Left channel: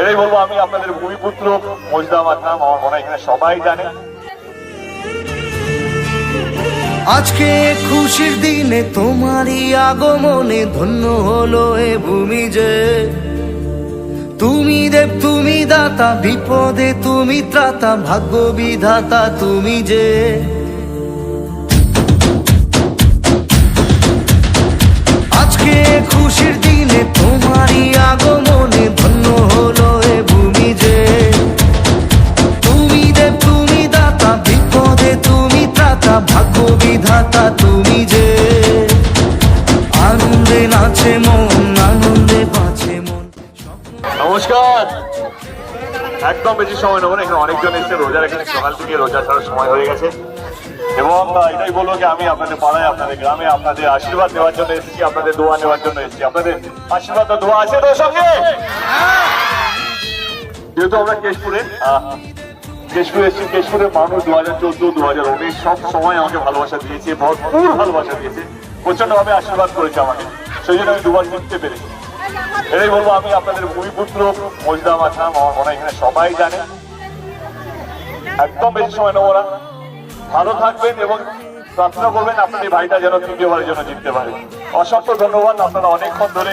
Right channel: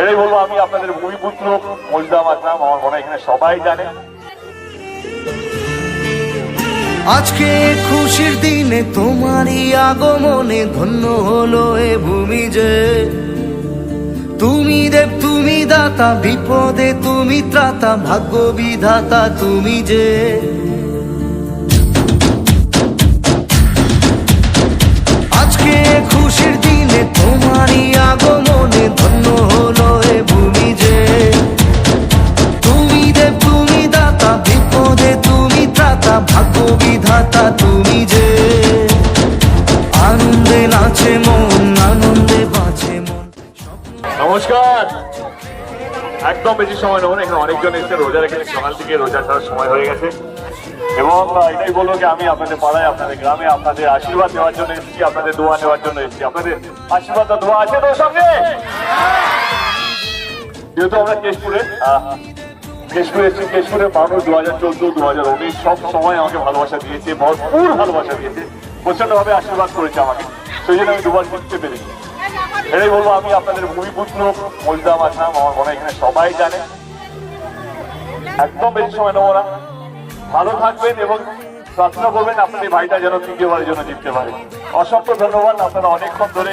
এটাই বলব আমি আপনাদের ভূমিপুত্র, মজদা মাথাম আমার মনে এখানে সবাই জানে। আজকে খুশির দিনে তোমারই আগমনে ধন্য হলো এ ভূমি যে। তুমি দেব, তুমি দাতা, বিপদে তুমি ত্রাতা, ভাগ্য বিধাতা তুমি যে। আজকে খুশির দিনে তোমারই বিপদে তুমি ত্রাতা ভাগ্য বিধাতা তুমি যে। আনন্দে নাচে মন, আনন্দে বাঁচে মন। নমস্কার। একদম বেশি সময় নেব না, এখানে অনেকজন এসে রোজা রেখেছে, সকাল থেকে রোজা ছাড়ার সময় হয়ে গেছে। এবং এটাই বলব যে আমি আপনাদের পাড়ায়, আপনাদের গ্রামে, আপনাদের আশীর্বাদ দেওয়ার জন্য এসেছি, আপনাদের দোয়া নেওয়ার জন্য এসেছি। আপনাদের আশীর্বাদ দোয়া আছে তো সঙ্গে? যেহেতু আমরা কেশপুরে আহ, কেশপুরে এসেছি কেশপুরের মানুষ দু হাজার চোদ্দ দু হাজার উনিশ সব সময় আমাকে ভালোবাসা দিয়েছে ভরপুর ভালোবাসা দিয়েছে প্রচন্ডভাবে আশীর্বাদ করেছে আমাকে। সেই জন্য আমি দুবার জিততে পেরেছি। এটাই বলব আমি আপনাদের ভূমিপুত্র মজদা মাথাম আমার মনে এখানে সবাই জানে। একদম বেশি সময় নেব না। ভালো থাকবেন এবং প্রার্থনা করবেন আপনাদের ভাইটা যেন তৃতীয়বারের জন্য জিততে পারে। অসংখ্য ধন্যবাদ আপনারা অনেকক্ষণ ধরে